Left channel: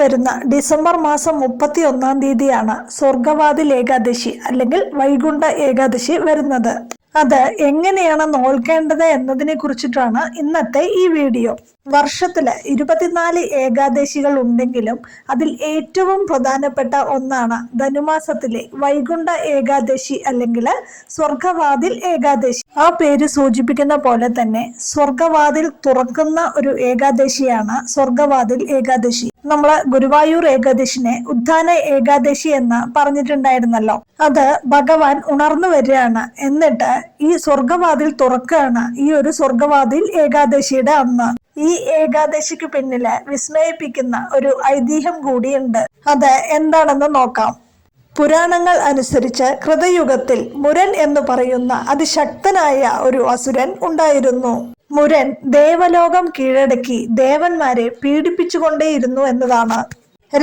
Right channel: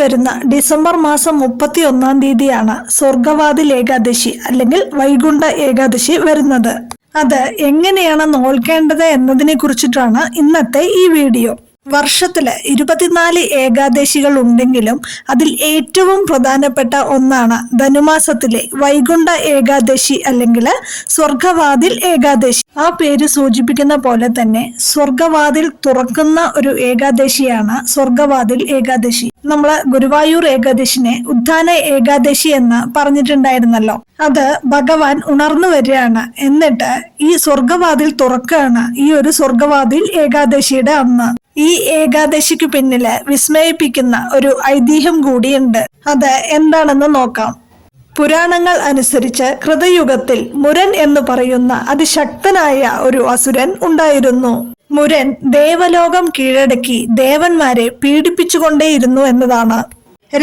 വരുന്ന ഡിസംബർ മാസം 31 സ്വർഗവാതിൽ ഏകാദശി അല്ലെങ്കിൽ വൈകുണ്ഠ ഏകാദശി വരുന്നത്. അത് എങ്ങനെയാണ് നോൽക്കേണ്ടത് എന്നതിനെ കുറിച്ചിട്ടാണ് ഇന്നത്തെ ഈ വീഡിയോ. വർഷത്തില് 24 ഏകാദശികൾ ഉണ്ടെങ്കിലും അതിൽ ഏറ്റവും പ്രധാനപ്പെട്ട ഒന്നാണ് ധനുമാസത്തിലെ വൈകുണ്ഠ ഏകാദശി അല്ലെങ്കിൽ സ്വർഗവാതിൽ ഏകാദശി. ആ പേര് സൂചിപ്പിക്കുന്ന പോലെ തന്നെ സ്വർഗവാതിൽ തുറക്കുന്ന ഒരു ഏകാദശിയാണ് സ്വർഗവാതിൽ ഏകാദശി. നമ്മള് ഗുരുവായൂർ ഏകാദശിനെ ഉദ്ധാന ഏകാദശി എന്ന് പറഞ്ഞിട്ടുണ്ടായിരുന്നല്ലോ. അത് ഭഗവാൻ ഉണർന്നു വരികയാണ്, എന്നിട്ട് ഈ സ്വർഗവാതിൽ തുറക്കുകയാണ് ഈ ഒരു സ്വർഗവാതിൽ ഏകാദശിയുടെ അന്ന്. ഈ ഏകാദശിക്ക് പിന്നില് വിസ്മയിപ്പിക്കുന്ന ഒരു ഐതിഹ്യം കൂടിയുണ്ട്. അത് എന്താണെന്ന് നോക്കാം. പുരാണങ്ങൾ അനുസരിച്ച് കൃതയുഗത്തിൽ മുരൻ എന്ന് പറയുന്ന അതിശക്തനായ ഒരു അസുരൻ ഉണ്ടായിരുന്നു. മുരൻ ദേവലോകം കീഴടക്കി ദേവന്മാരെ പീഡിപ്പിച്ചുകൊണ്ടേയിരുന്നു എന്നതാണ്.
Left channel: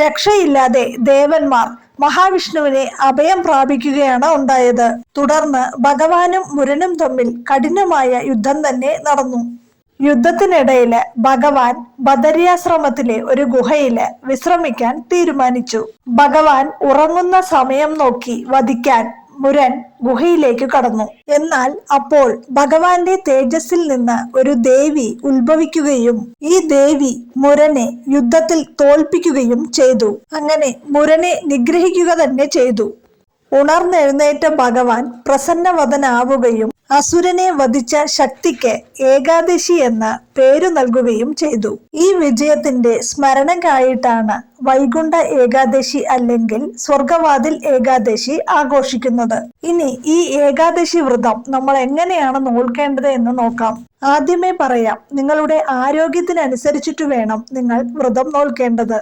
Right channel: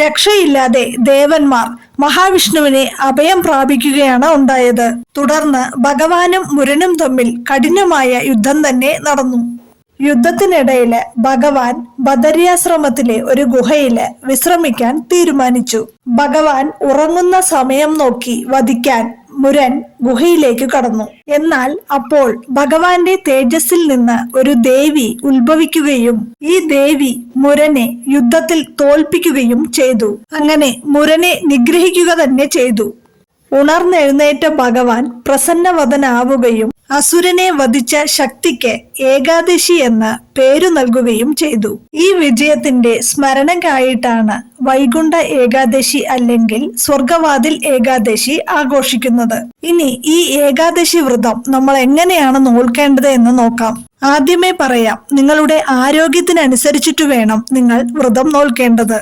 രക്ഷയില്ലാതെ ദേവന്മാർ മഹാവിഷ്ണുവിനെ അഭയം പ്രാപിക്കുകയാണ് ഉണ്ടായത്. തുടർന്ന് ഭഗവാനും മുരനും തമ്മിൽ കഠിനമായ യുദ്ധം തന്നെ നടന്നു. യുദ്ധത്തിനിടയില് ഭഗവാൻ ബദരിയാശ്രമത്തിലെ ഒരു ഗുഹയില് വിശ്രമിക്കാൻ തീരുമാനിച്ചു. ഭഗവാൻ ഉറങ്ങുന്ന സമയം നോക്കി വധിക്കാൻ മുരൻ ഗുഹയിലേക്ക് കടന്നു. എന്നാൽ അപ്പോൾ ഭഗവാന്റെ തേജസ്സിൽ നിന്ന് ഒരു ദേവി ഉത്ഭവിക്കുകയും ഈ ദേവി മുരനെ യുദ്ധത്തിൽ തോൽപ്പിക്കുകയും ചെയ്തു. അങ്ങനെ മുരനെ നിഗ്രഹിക്കുക തന്നെ ചെയ്തു. ഉണർന്നെഴുന്നേറ്റ ഭഗവാൻ പ്രസന്നവദനാവുകയും അസുരനെ വധിച്ച ശക്തിക്ക് ഏകാദശി എന്ന പേരു നൽകുകയും ചെയ്തു. ഈ വിജയത്തിന്റെ സ്മരണയ്ക്കായിട്ടാണ് വൈകുണ്ഠ ഏകാദശി അല്ലെങ്കിൽ സ്വർഗവാതിൽ ഏകാദശി ആഘോഷിക്കുന്നത്. ഇനി ഈ ഏകാദശി വ്രതം നമ്മൾ എങ്ങനെയാണ് നോൽക്കേണ്ടത് എന്ന് നോക്കാം. ആദ്യമേ പറയാം, നിങ്ങളുടെ ആരോഗ്യത്തിനനുസരിച്ചിട്ട് വേണം നിങ്ങൾ വ്രതം നോൽക്കേണ്ടത്.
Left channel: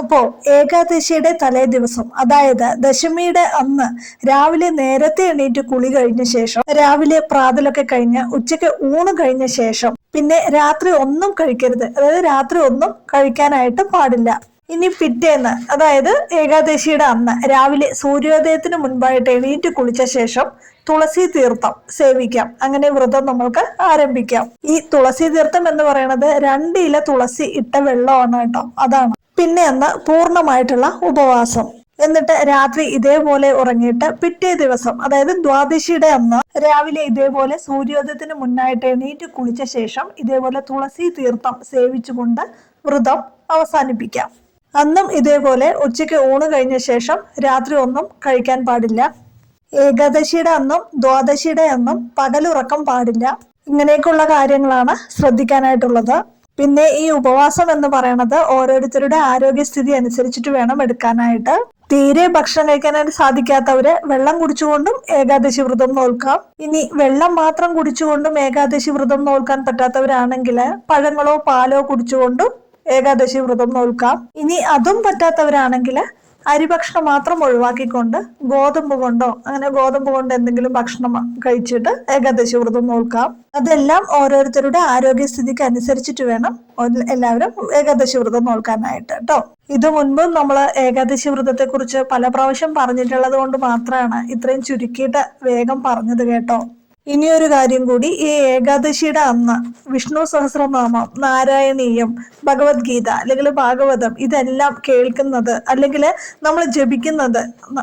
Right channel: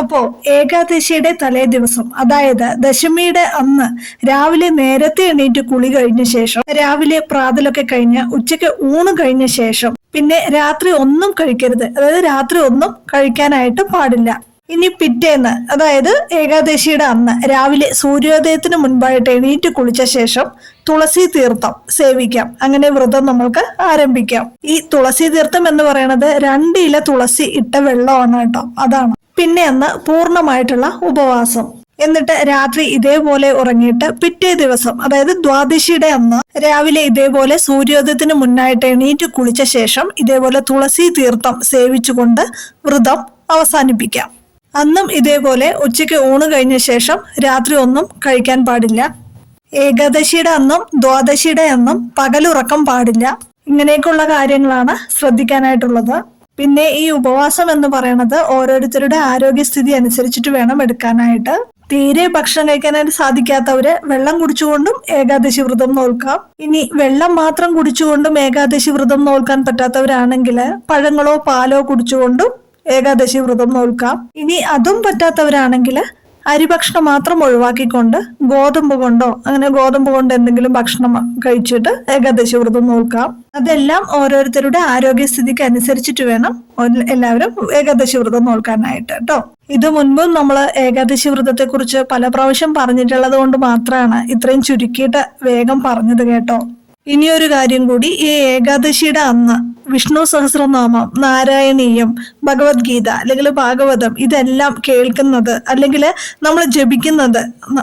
അപ്പോ ഏകാദശിയുടെ തലേ ദിവസം, അതായത് ദശമിയുടെ അന്ന് രാവിലെ നേരത്തെ എണീറ്റ് കുളി കഴിഞ്ഞ ശേഷം, രാവിലെ പ്രാതലൊക്കെ കഴിഞ്ഞ് ഉച്ചയ്ക്ക് ഊണ് കഴിഞ്ഞ ശേഷം, പിന്നെ രാത്രി ഒന്നും കഴിക്കരുത്. അതായത് രാത്രി ഒന്നും കഴിക്കാനായിട്ട് പാടില്ല. ഇനി പിറ്റേന്ന്, അതായത് ഏകാദശിയുടെ അന്ന് രാവിലെ സൂര്യോദയത്തിന് മുൻപായിട്ട് എണീറ്റ് കുളിച്ച ശേഷം തുളസി തീർത്ഥം സേവിക്കാം. അങ്ങനെ വ്രതം നമുക്ക് ആരംഭിക്കാം. ഈ തുളസി തീർത്ഥം എന്ന് പറയുന്നത് 2 ഇല തുളസി ഇട്ട വെള്ളമാണ് കേട്ടോ, അതാണ്. പിന്നെ അന്ന് പൂർണ്ണമായിട്ടുള്ള ഉപവാസം. എന്നിട്ട് രാത്രി ഇതേപോലെ ഉറങ്ങിയിട്ട് പിറ്റേ ദിവസം, അതായത് ദ്വാദശിയുടെ അന്ന് രാവിലെ ഇതേപോലെ സൂര്യോദയത്തിന് മുന്നായിട്ട് എണീറ്റ് കുളിച്ച ശേഷം ഇതേപോലെ തുളസി തീർത്ഥം സേവിച്ചുകൊണ്ട് വ്രതം അവസാനിപ്പിക്കാം. അന്നും ഇതേപോലെ ഉച്ചയ്ക്ക് ഊണ് കഴിഞ്ഞ ശേഷം രാത്രി ഒന്നും കഴിക്കാൻ പാടില്ല. ഏകാദശിയുടെ അന്നും ദ്വാദശിയുടെ അന്നും പകലുറക്കം പാടില്ല. ഇങ്ങനെയൊക്കെയുള്ള കാര്യങ്ങളാണ് ശ്രദ്ധിക്കാനായിട്ടുള്ളത്. പിന്നെ ഈ ഉപവാസം എന്ന് പറയുന്നത് ഓരോരുത്തരുടെ ആരോഗ്യസ്ഥിതി അനുസരിച്ചിട്ട് വേണം എടുക്കാനായിട്ട്. തീരെ ഭക്ഷണം കഴിക്കാനായിട്ട് സാധിക്കാത്തവര് വെള്ളം കുടിച്ചുകൊണ്ടും ഏകാദശി വ്രതം നോൽക്കാം. ഇനി വെള്ളം മാത്രം കുടിച്ചുകൊണ്ടും ഏകാദശി വ്രതം നോൽക്കാൻ പറ്റാത്തവരാണെങ്കിൽ പഴങ്ങളോ പാലോ കുടിച്ചുകൊണ്ടും ഏകാദശി വ്രതം നോൽക്കാം. ഇനി അതും പറ്റാത്തവരാണെങ്കിൽ അരിഭക്ഷണം മാത്രം ഒഴിവാക്കിക്കൊണ്ട് ഗോതമ്പ് കൊണ്ട് എന്തെങ്കിലും ഭക്ഷണം കഴിച്ചിട്ട് ഏകാദശി വ്രതം നോക്കാം. അതെല്ലാം ഓരോരുത്തരുടെ ആരോഗ്യസ്ഥിതിക്ക് അനുസരിച്ചിട്ട് വേണം എല്ലാവരും ഏകാദശി വ്രതം നോക്കാനായിട്ട് കേട്ടോ. ഇത് മുൻപും നമ്മൾ ഏകാദശി വ്രതത്തെ കുറിച്ച് പല പ്രാവശ്യം പറഞ്ഞിട്ടുള്ളത് കൊണ്ട് മാത്രമാണ് ഇത്രയും ചുരുക്കിയിട്ട് വേഗം പറഞ്ഞത് കേട്ടോ. ഇനിയൊരു കാര്യം കൂടി, ഈ ഏകാദശിയുടെ അന്ന് വിഷ്ണു സഹസ്രനാമം, നാരായണീയം, ഭഗവത്ഗീത അല്ലെങ്കിൽ ഭാഗവതം ഇതെല്ലാം കേൾക്കുന്നത് അല്ലെങ്കിൽ നമ്മൾ ജപിക്കുന്നത്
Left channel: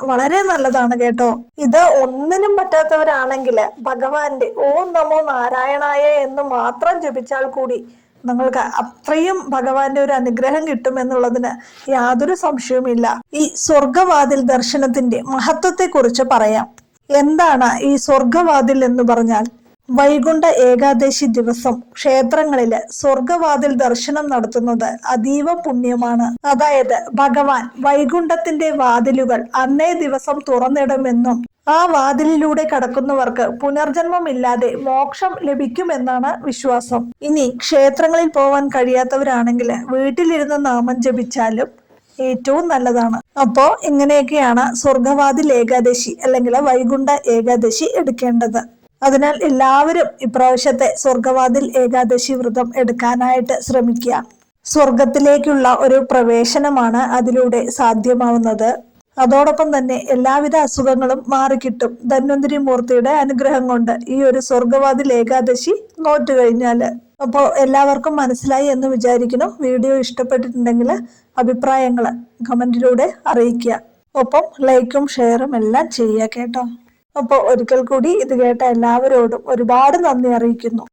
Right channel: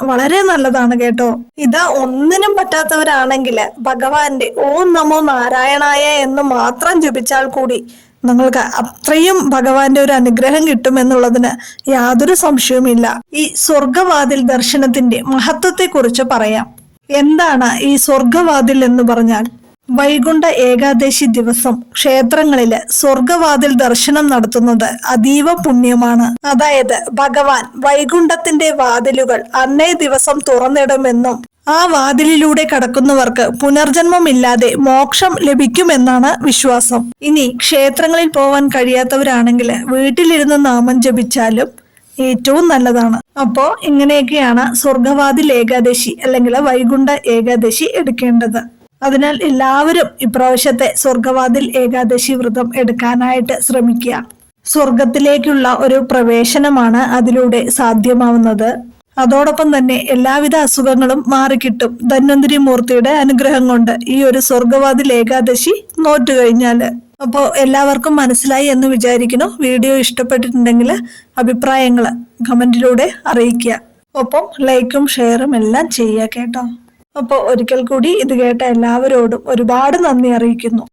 വളരെ നല്ലതാണ് കേട്ടോ. ഇത് ഒന്നിനും പറ്റാത്തവരാണെങ്കിൽ ഭഗവാന്റെ ഓം നമോ നാരായണായ എന്ന് മാത്രം ജപിച്ചാൽ കൂടി നിങ്ങൾക്ക് അത്രയും ഭഗവാന്റെ ഒരു അനുഗ്രഹം കിട്ടുമെന്നുള്ളതിന് യാതൊരു സംശയവുമില്ല. ഈ സ്വർഗവാതിൽ ദർശനത്തിന്റെ മഹത്വത്തെ കുറിച്ച് പറയാം. എന്താണ് ഈ സ്വർഗവാതിൽ എന്ന് പറഞ്ഞാൽ, വൈകുണ്ഠ ഏകാദശി ദിവസം ക്ഷേത്രങ്ങളില് സ്വർഗവാതിൽ ദർശനം നടത്തുന്നത് അതീവ പുണ്യമാണ്. അതായത് ഭഗവാൻ വൈകുണ്ഠത്തിന്റെ വാതിലുകൾ അന്നേ ദിവസം തുറന്നിടുമെന്നും ആ വാതിലിലൂടെ കടക്കുന്നവർക്ക് പുനർജന്മമില്ലാതെ മോക്ഷം ലഭിക്കുമെന്നാണ് വിശ്വാസം. ഇനി ക്ഷേത്രങ്ങളിൽ പോവാൻ കഴിയാത്തവരാണെങ്കിൽ വീട്ടിലിരുന്ന് നാമം ജപിച്ചാലും ഏറ്റവും നല്ലതാണ്. അപ്പോ ഇങ്ങനെയൊക്കെയാണ് സ്വർഗവാതിൽ ഏകാദശി അല്ലെങ്കിൽ വൈകുണ്ഠ ഏകാദശി എടുക്കേണ്ടത്. അതിനാൽ എല്ലാവരും ഇപ്രാവശ്യത്തെ സ്വർഗവാതിൽ ഏകാദശി വ്രതം എടുക്കാനായിട്ട് ശ്രമിക്കുക. സ്വർഗത്തിലേക്കുള്ള ഒരു പ്രവേശനമാണ് അതിലൂടെ സാധ്യമാവുന്നത്. അതോടൊപ്പം തന്നെ എല്ലാവിധ അസുഖങ്ങളും മാറിക്കിട്ടും ധന്വന്തരി മൂർത്തിയുടെ അനുഗ്രഹം കൊണ്ട് ഈ ഒരു സ്വർഗവാതിൽ ഏകാദശി നോറ്റു കഴിഞ്ഞാല്. അപ്പോൾ എല്ലാവർക്കും മനസ്സിലായി എന്ന് വിചാരിക്കുന്നു. വീഡിയോ ഇഷ്ടപ്പെട്ടിട്ടുണ്ടെങ്കിൽ അഭിപ്രായങ്ങൾ കമന്റിലൂടെ അറിയിക്കുക. ഒപ്പം ലൈക്കും ഷെയറും എല്ലാം ചെയ്യുക കേട്ടോ. അപ്പോൾ ഒരിക്കൽ കൂടി ഇത് കേട്ട എല്ലാവരോടും ഒരുപാട് നന്ദി അറിയിക്കുന്നു.